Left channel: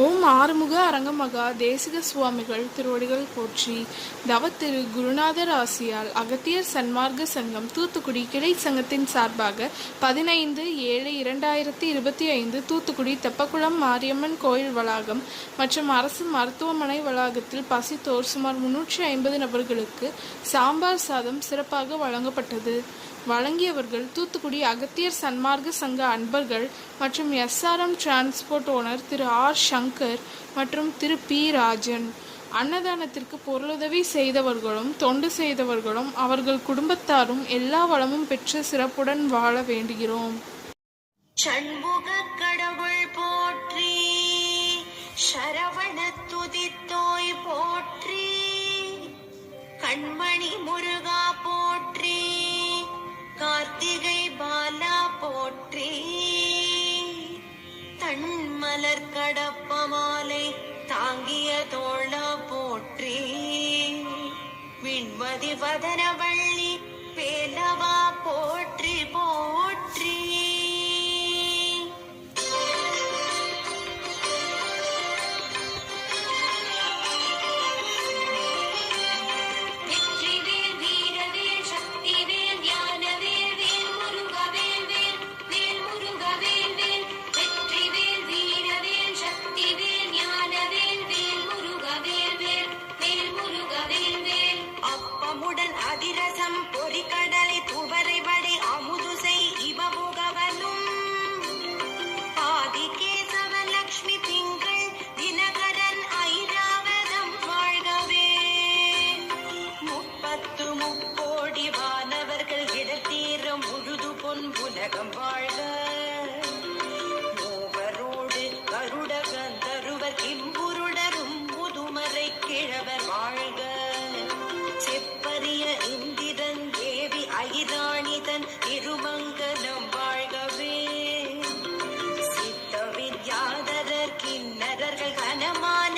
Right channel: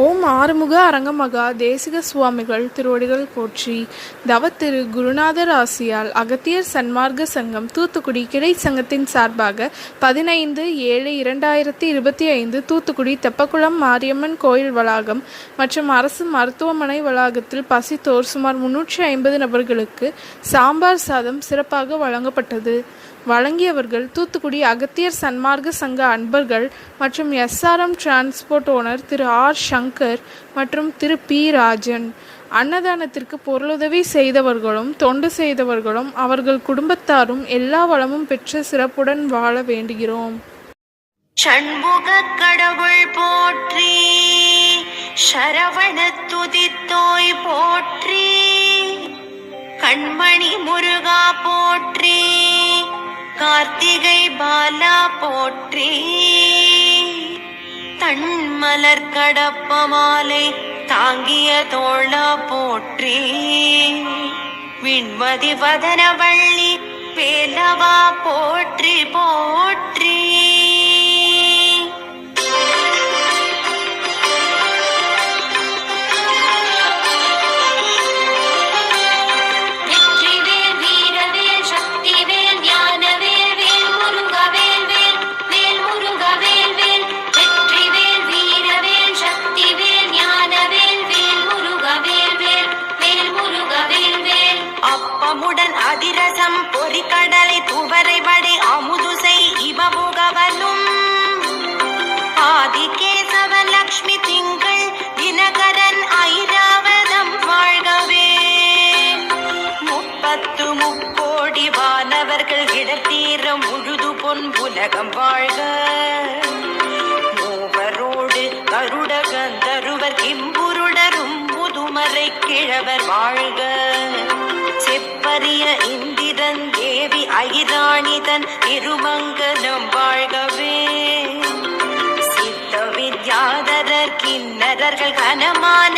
ஓம் ஆறுமுக அரங்கமகா தேசிக சுவாமிகள் திருவடிகள் போற்றி. தவத்திரு குருநாதர் ஆசியால் அகத்தியர் சன்மார்க்க சங்கம் தூத்துக்குடி கிளை சங்கத்தின் சார்பாக 15/7/2025 தூத்துக்குடி தெப்பக்குளம் மாரியம்மன் கோயில் வளாகம் மற்றும் அரசு மருத்துவமனை வளாகத்தில் பசித்தோர் சுமார் 350 நபர்களுக்கு சாம்பார் சாதம் சிறப்பாக வழங்கப்பட்டது. வழங்கியவர்கள் தூத்துக்குடி அகத்தியர் சன்மார்க்க சங்க அன்பர்கள் மற்றும் SRM டிரான்ஸ்போர்ட் ஓனர் திரு R. சங்கர் மற்றும் திரு P. ராஜன். அன்னதானத்திற்கு பொருளுதவி செய்தவர்களும் தொண்டு செய்தவர்களும் அவர்கள் குடும்பத்தாரும் எல்லா வளமும் பெற்று சிறப்புடன் வாழ வேண்டுகிறோம். சண்முக கடவுள் போற்றி, சரவண துதித்தோய் போற்றி, கண்மணி முருகா போற்றி, கார்த்திகை பாலா போற்றி, தன்மலர் கடப்ப மாலை தாங்கிய தோளா போற்றி, விண்மதி வதனவள்ளி வேலவா போற்றி போற்றி. அதிரசம் பொறிக்கடலை துவரை வடை அமுதுசை இவமுகவனும் ஆதிகேசவன் லக்ஷ்மி திங்கள் தினகரன் ஐராவதம் வாழ்கவே. 30 முக்கோடி வானவர்கள் இடத்தீரம் முழுது பொன் உலகம் வாழ்க. மூவரோடு கருட கந்தருவர் கிம்புருடரும் முதுமறை கிழவர் வாழ்க. செப்பரிய இந்திரன் தேவி ஐராணிதன் திருமங்கலம் வாழ்கவே. சித்த வித்யாதரர் கிண்ணறர்கள் கனமான